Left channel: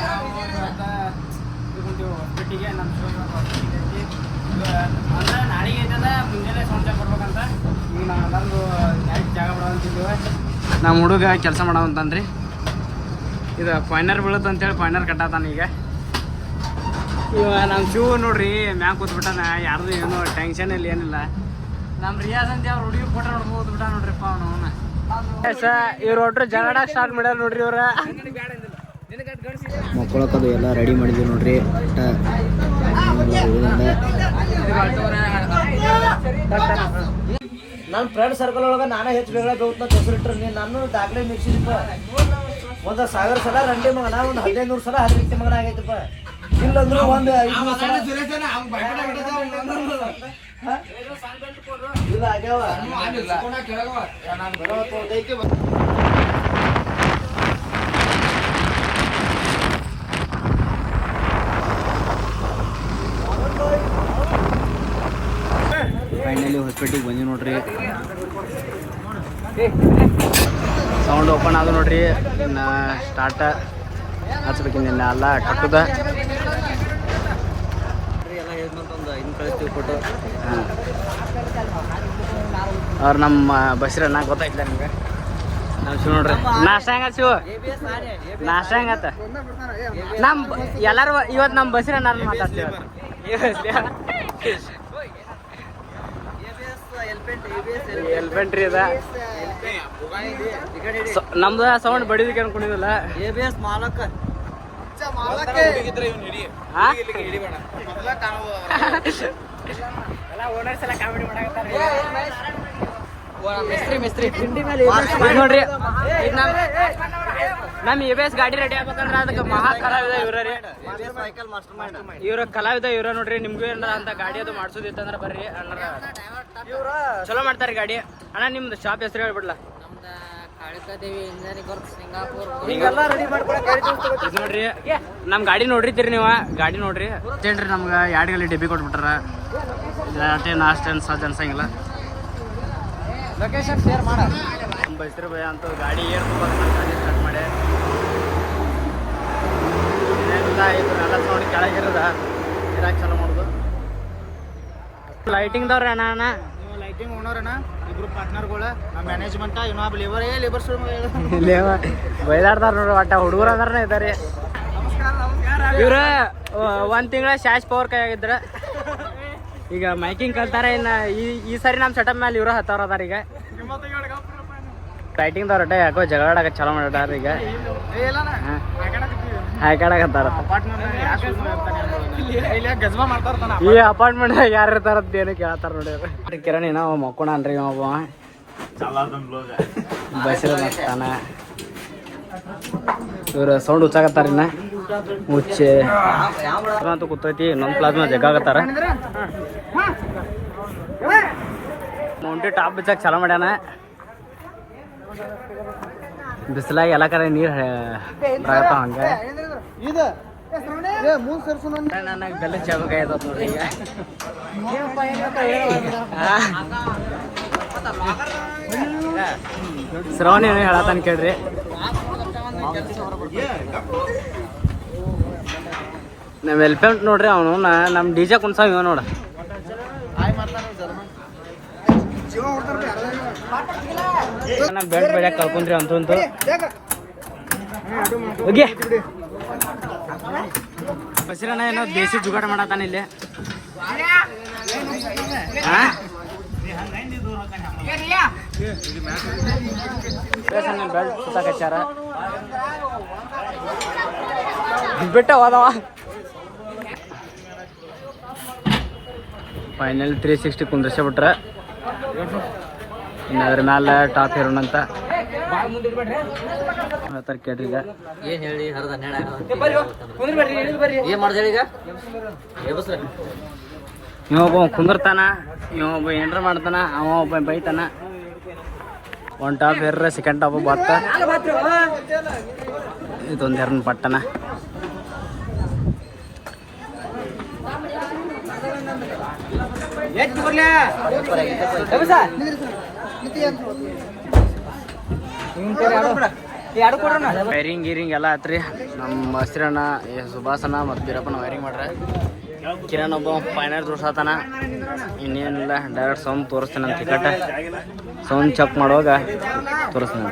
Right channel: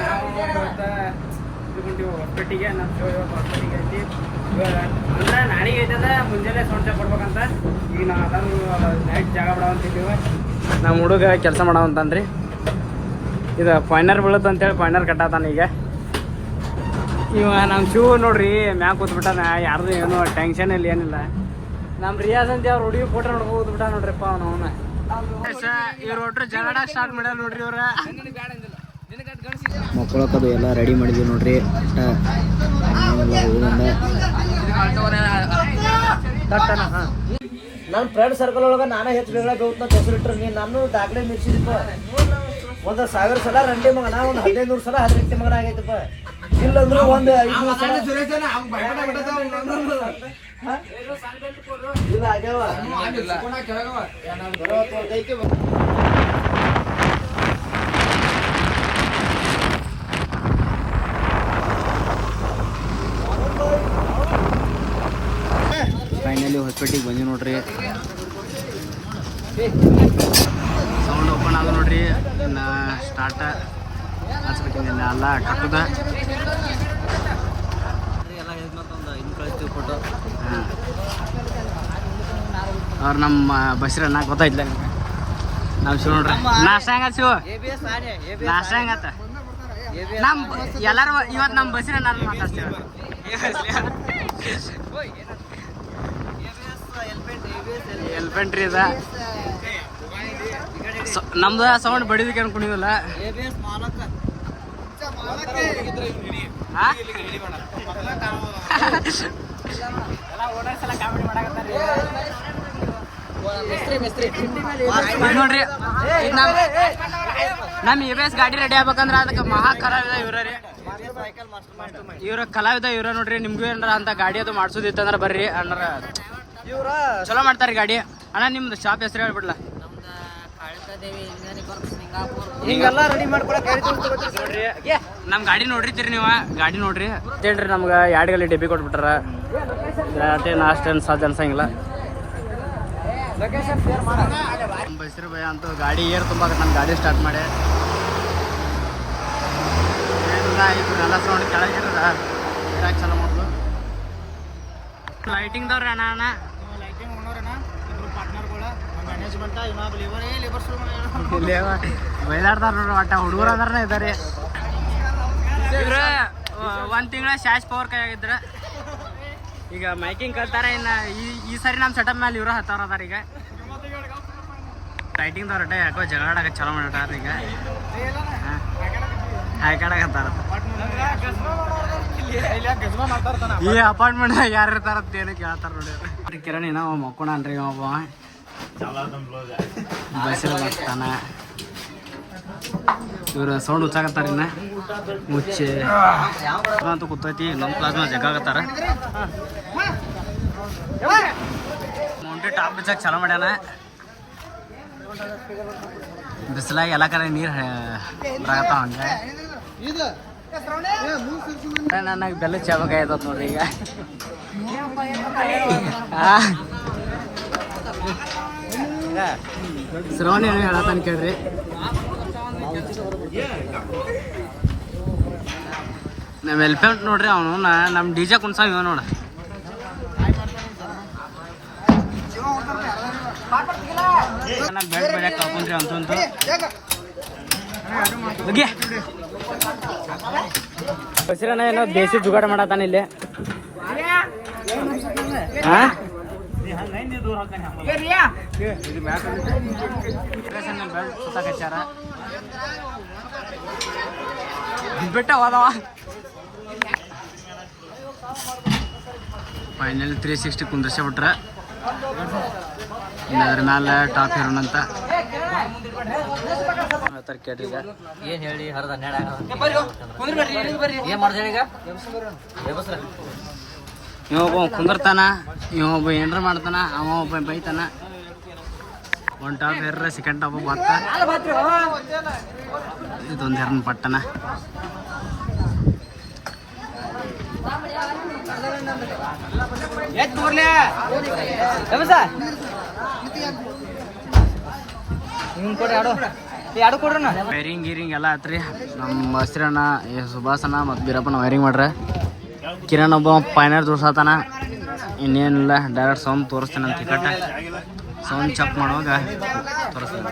ನಾವು ಇವತ್ತು ಇದ್ಕೊಂಡಿವಿ ಹೊಸಪೇಟೆಗೆ. ನಮ್ಮ ಶೋ ಇವತ್ತು ಹೊಸಪೇಟೆಗೆ ಐತಿ. ಅಂದ್ರೆ ನಾಳೆಗೆ ಐತಂದ್ರೆ ಮುಂಜಾನೆ ಸೌಂಡ್ ಚೆಕ್ ಕೊಡ್ಬೇಕಂತ. ಈಗ ನಾವೆಲ್ಲರೂ ನೈಟ್ ಜಾಗ ಬಿಡೋವಂತಿದ್ದೀವಿ. ನಮ್ಮ ಹುಡುಗ ಕೆಲಸ ಮಾಡೋವಂತನ್ರಿ. ಇದು ಫೈನರ್ ಬೀಳುತ್ತೆ ಅಂತೇಳಿ ಫೈನರ್ ಕಟ್ಟಾತಾನ. ಈಗ ಇವ ನಮ್ಮ ಶೂ ನೋಡ್ರಿ ಮ್ಯಾಗ ಕೂತ್ಬಿಟ್ಟಾನ. ಯಾರ್ದು ಏನು ಟೆನ್ಷನ್ ಇಲ್ಲ ಏನಿಲ್ಲ. ನಮ್ಮ ರಿಯಾಜ್ ಅಂತ ಅವ್ರು ಹುಡುಗಿ ಫೋಟೋ ನೋಡ್ಕೊ ಕೂತ್ಬಿಟ್ಟ ನೋಡ್ರಿಪ್ಪ ಅವನು. ಇವ್ರು ಒಟ್ರು ಜಗಳಾಡಕ್ಕೆ ಸ್ಟಾರ್ಟ್ ಮಾಡ್ಯಾರ ನೋಡ್ರಿ ಇವ್ರ. ಮಕ್ಕಳಕ್ಕದು ಎಲ್ಲ ರೆಡಿ ಮಾಡಿದ್ವಿ ನೋಡ್ರಿ. ಏನೆಲ್ಲ ಹೋಗೋದಂದ ನನ್ನ ಫ್ರೆಂಡ್ ಸರ್ಕಲ್ ಒಳಗೆ ನಾನೇ ಹೆಚ್ಚು ಬೇಗ ಬೇಕಂತ ಹೆಸರಿಟ್ರಿ. ನೀನು ನಾನು ದಾಖಲೆ ಮಿಕ್ಸಿದಪ್ಪ. ಒಂದು 1000 ಸಲ ರಂಡಿ ಮಗನ, ಒಂದು 1500 ಸಲ ಹದಿನೆಂಟು ಮಗನ ಆಗೈತಪ್ಪ. ಇಲ್ಲಂದ್ರೆ ಒಂದು 500 ಸಲ ಇಲ್ಲ ಆಗ್ಯಾವ. ಫೈನಲಿ ಹೊಸಪೇಟೆಗೆ ಬಂದ್ವಿ ನೋಡ್ರಿ. ಸೌಂಡ್ ಓಪನ್ ಆದ ನೋಡ್ರಿ. ಇನ್ನು ಸ್ಟಾರ್ಟ್ ಹಚ್ಬೇಕಿನ್ನ ಎಲ್ಲ ಕಟ್ಟುದ ಎಲ್ಲ ಹೇಳಿದ್ಮೇಲೆ ಇನ್ನು ಕಳಿಸ್ತೀವಿ ಫೋಟೋ. ಹಾಂ ಅವ್ರು ನಮ್ಮ ಬಸ್ರಿ ಅಣ್ಣ ಗೊತ್ತಾಯ್ತಿಲ್ಲ ನಿಮ್ಗೆ. ನಮ್ಮ ಶಿವ ನೋಡ್ರಿ ನಾಷ್ಟ ಹೆಂಗತ್ ಶಿವ? ನಾಷ್ಟ ಹೆಂಗತ್ತ? ನಮ್ಮ ಎಲ್ಲರೂ ಇವತ್ತು ನಮ್ಮ ಬಸ್ರಿ ಅಣ್ಣ ಮಾತಾಡ್ತೀವಿ. ಎಲ್ಪೆಂಟ್ರಿ ಅದ ನಮ್ದು ಸೌಂಡ್ ಬಡಿದಕ್ಕೆ ಅನ್ಕೊಂಡಿದ್ವಲ್ಲ. ಇದು ನೋಡ್ರಿ, ಇದು ನಮ್ಮ ABS ಗಾಡಿ ರೆಡಿ ಆಗ್ಬೇಕಂದ್ರೆ ಅದಕ್ಕೆ ಮಹಾ ಕಲಾವಿದ ಇವ್ರ ರೀ. ಇವ್ರ ಕಲಾವಿದ ಇವ್ರ ನೋಡ್ರಿ. ನಿಮ್ಗೂ ಏನಾರ ಅಂತ ಗಾಡಿ ಅದು ಮಾಡ್ಸೋದಿತ್ತಂದ್ರೆ ಬರ್ರಿ ಅಣ್ಣಾರ. ಚಲೋ ಮಾಡ್ತಾರೆ ಗಾಡಿ. ಅಣ್ಣ ನಿಮ್ದು ಶಾಪ್ ಹೆಸರು ಹೇಳ್ಬಿಡ್ಲ? ನಮ್ಮ ಗಾಡಿ ನೋಡ್ರಿತೀರಿ ನೀವು. ಗಾಡಿ ನೋಡ್ರಿ ಏನ್ರಿ ನಮ್ಗೆ 2 ಗಲ್ಲಿ ಡಬ್ಬಿ ಕೊಟ್ಬಿಟ್ಟಾರ. ಅಷ್ಟೇನು ಅಷ್ಟೇನು ಸಾಧ್ಯ ಅನ್ಸಂಗಿಲ್ಲ. ನಮ್ಮ ಬೈಸ್ರಿ ಭಯ ಅಂತೂ ಗಾಡಿ ಏರ್ ತುಂಬ ನಾನು ಗಾಡಿ ಸ್ಟಾರ್ಟ್ ಮಾಡಿ ಏನಿಲ್ಲ. ಇವ್ರನ್ನೆಲ್ಲ ಸೌಂಡ್ ಕೆಳಗಿರದ ಇರಾಕ್ ಚಲೋ ಮಾಡೋದು. ಲೈಟಿಂಗ್ದವ್ರ ಅಣ್ಣ ಅಣ್ಣ ನೀವು ಲೈಟಿಂಗ್ ಓನೋರಣ್ಣ. ಇಬ್ರು ಪಾರ್ಟ್ನರ್ಗಳು ನಮ್ಮ ಮ್ಯಾನೇಜ್ಮೆಂಟ್. ಇನ್ನೊಬ್ಬ ಲೇಬರ್ಸ್ ಬೈದಾಡ್ತಾರ ನೋಡ್ರಿ. ಒಟ್ಟ ಹುಡುಗರು ಅಂದ್ರನೇ ಇದ್ದಾರೆ ಇವ್ರ. 1 ತಿಂಗಳ ಶಾಶ್ ಪವರ್ ಕೈ ಆಗಿದ್ರ. ಈಗ ಮೈಕಿಂಗ್ ಕಲ್ತಾರ. ಇನ್ನು ಈ ಸರಿ ನಮ್ಮ ಸೆಟಪ್ ಮೇಲೆ ಇವ್ರ ಹತ್ತವ್ರ ಅದಾರ. ಈಗ ಲೈಟಿಂಗ್ದವ್ರ ಒಟ್ಟ ಯಾಕೋ ಜಗಳಾಡಕ ಚಲೋ ಮಾಡ್ಯಾರ. ಈಗ ಹಾಕಾಡಕತ್ತಾರ. ಈ ಅಪಾರ್ಟ್ಮೆಂಟ್ ಯಾರು ಇರ್ತಾರಂತ ಏನು ಕೇಳ್ತಾರ ನೋಡಿ. ಕಿರಣ್ ಏನೋ ಮಕ್ಕೋಣ ಅನ್ರಿ ಒಬ್ಬ ಬಸ್ಸಿರ ಮಸ್ತಾನ. ಇವ್ರು ಸೌಂಡ್ ಹುಚ್ಚಾಕತ್ತಾರ. ಇನ್ನ ಹುಚ್ಚೆ ಅಂತೂ ಕೂತೈತಿ. ಇನ್ನೊಂದು ಪ್ಲಾಸ್ಮಾ ಜಗ್ಗಾಕತ್ತಾರ. ಮೌಂಟಿ ಟಾಪ್ ಬಿಚ್ಚಾಕ ಚಲೋ ಮಾಡ್ಯಾನ. ಬಿಸಿಲಾಗಿ ಎಲ್ಲ ಕಡೆ ನೀರು ಬರಕತ್ತಾವ. ಹಂಗೆ ನನಗೆ ಬೆಲ್ಲ ಚಾಬೇಕಾಯ್ತದ ನೋಡ್ರಿ. ಈಗ ಶ್ರವಣ ಏನು ಹೇಳತ್ತಾನ ಕೇಳ್ರಿ. ನಮ್ಮ ಎಲ್ಪೆಂಟ್ ನೋಡ್ರಿ. ಅವನು ನಮ್ಮ DJ ಕುಣ್ಸಾವ ಇವ ನೋಡ. ನಾನು ಬೆಲ್ಟ್ ಬಡಿಯಾಕ ಕಳ್ಕೊಂಡ್ರಿ ಅಂತೂ ಬಸ್ರಣ್ಣ ಏನೋ ದೇಸಿ ಜುಗಾಡ ಮಾಡತ್ತಾನ ಇಲ್ಲಿ. ಬೆಲ್ಟ್ ಸುತ್ತಾಕ ಹಚ್ಚಾರ. ಬಿಟ್ಟ ಹೋದವ. ಫೈನಲ್ 360 ಕುಂದ್ರಸ ಬಿಟ್ರ. ಇನ್ನು ಅದ್ರ ಮ್ಯಾಲೆ ಟಾಪ್ ಹೀರೋನ್ ಅಂತ ಕೇಳ್ರಿ. ಈಗ ಏನು ಹೇಳಿ ಹರಿದ ಏನು ಮಾಡ್ದೇಳಿ? ಈಗ ಇವೊಬ್ಬ ಕುಂದಿರ್ತಾನ, ಇವೊಬ್ಬ ಏನ್ರ ಮಾಡ್ತಾನ, ಅವ ಒಬ್ಬ ಬೈತಾನ. 1 ಟಾಪ್ ಹೇರ್ರ 2nd ಟಾಪ್ ಬತ್ತ. ಇದೊಂದು ಹೆರ್ನ ಪಟ್ಟಣ. ವೈರಿಂಗ್ ಗೀರಿಂಗ್ ಎಲ್ಲ ಆತ್ರಿ. ನಮ್ಮ ಹಸ್ರಣ್ಣ ಸುಭಾಸನ ಮತ್ತು ಬೀರಪ್ಪನ ವೈರಿಂಗ್ ಮಾಡ್ರೆ. ಕಿರಣ್ ಒಬ್ಬ ಫೈನಲ್ ತೋರ್ಸತಾನ. ಇನ್ನೇನಿಲ್ಲ, ಡೈರೆಕ್ಟ್ ಸೌಂಡ್ ತೋರಿಸ್ತಾನೆ ಅಂತ ಟಿಕೆಟ್ ಸೌಂಡ್ ಚೆಕ್ ಮಾಡುವಾಗ ತೋರಿಸ್ತಾನೆ.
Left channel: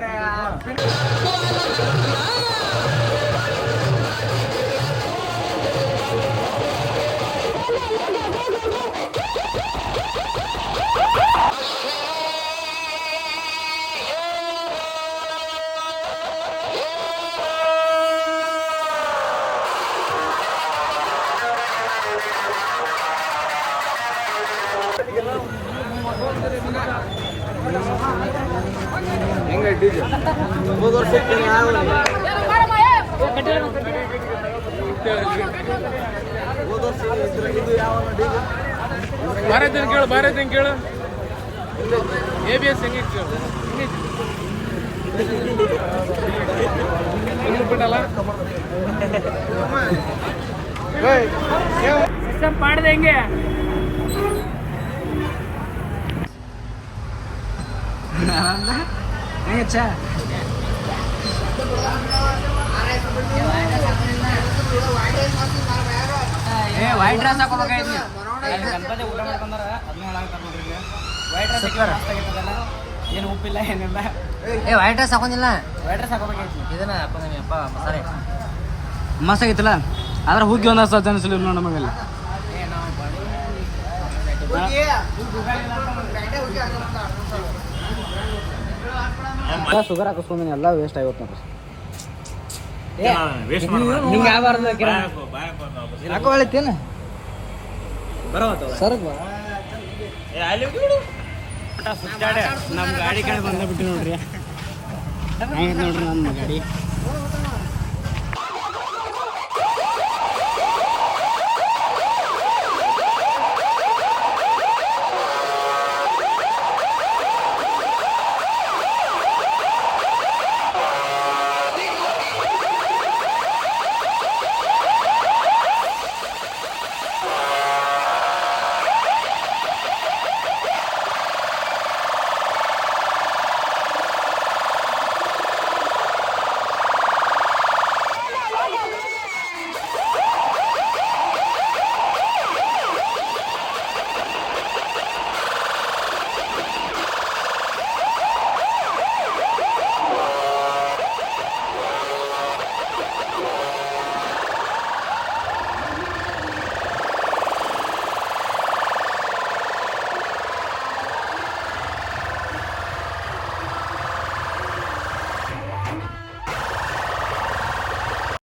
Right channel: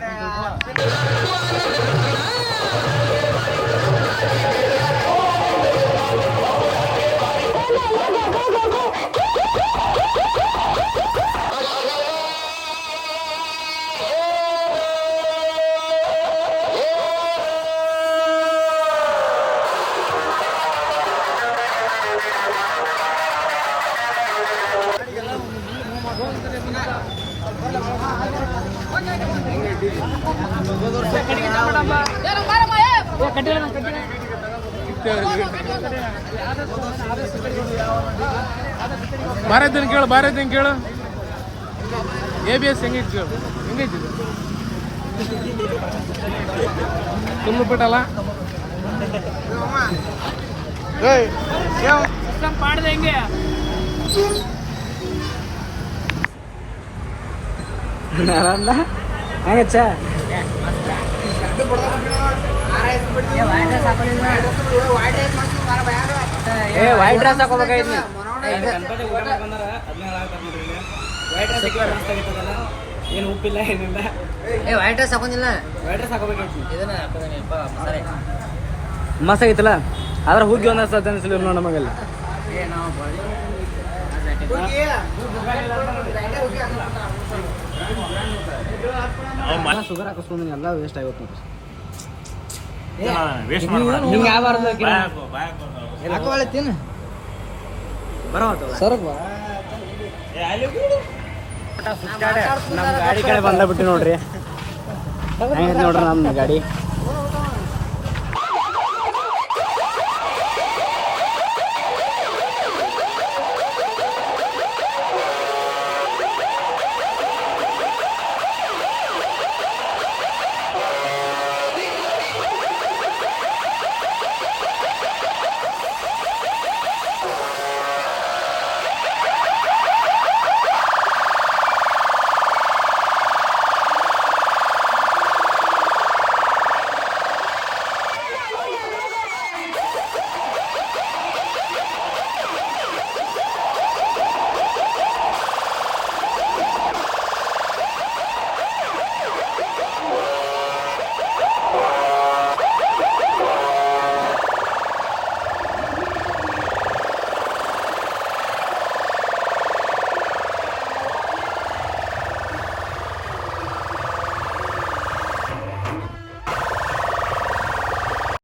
ಭಾರತ ಕೇಳು ABS ಹೆಂಗೆ ಕೇಳು ಬಿಟ್ಟಲ್ಲ ಸಿಸ್ಟಮ್ ಪಾಡ್ದೆ ಹೆಂಗೆ ಹೆಂಗಚ್ಚ ವೈಟ್ ಡ್ರೆಸ್ ಹಾಕೋಬೇಕಾಯ್ತು ನೀವು. ಊಟ ಮಾಡ್ಕೊಂಡಾರ ಅದನ್ನ ಹೇಳಾಕತ್ತಾರ ನೋಡ್ರಿ ಇಲ್ಲಿ. ವೈಟ್ ಡ್ರೆಸ್ ಮಸ್ತ್ ಆಗಿತ್ತದಲ್ಲ, ಏನು ಉಪ್ಪಿಲ್ಲ ಏನಿಲ್ಲ. ವೈಟ್ ಡ್ರೆಸ್ ಹಾಕೊಂಡಿಲ್ಲ, ವೈಟ್ ಡ್ರೆಸ್ ಹಾಕೋಬೇಕೈತಿ. ಇದನ್ನ ಹಾಕೋದನಪ್ಪ ಮಸಾಲೆ ಮಸ್ತ್ ಆಗಿತ್ತಲ್ಲ. ಆದ್ರೆ ಹುಗ್ಗಿ ಒಂದು ಹಸ ಅನಿಸಲಿ ನೋಡಿ ನಮಗಲ್ಲಿ. ಶುಗರ್ ಹಾಕಿಸ್ಕೊಂಡಿ ಎಲ್ಲ ವೇಸ್ಟ್ ಆಗುತ್ತೆ ನೋಡ್ರಿ. ನಿಮ್ಗೆ ಯಾವಾರ ಹಾಕೋಳಿತ್ತೇನು ನಮ್ಮ ಗಾಡಿ ಕಡೆ ಬಂದ ಬಿಟ್ಟು ನೋಡ್ರಿ. ಹೆಂಗೈತೆ ನೋಡ್ರಿ ನಮ್ಮ ಗಾಡಿ.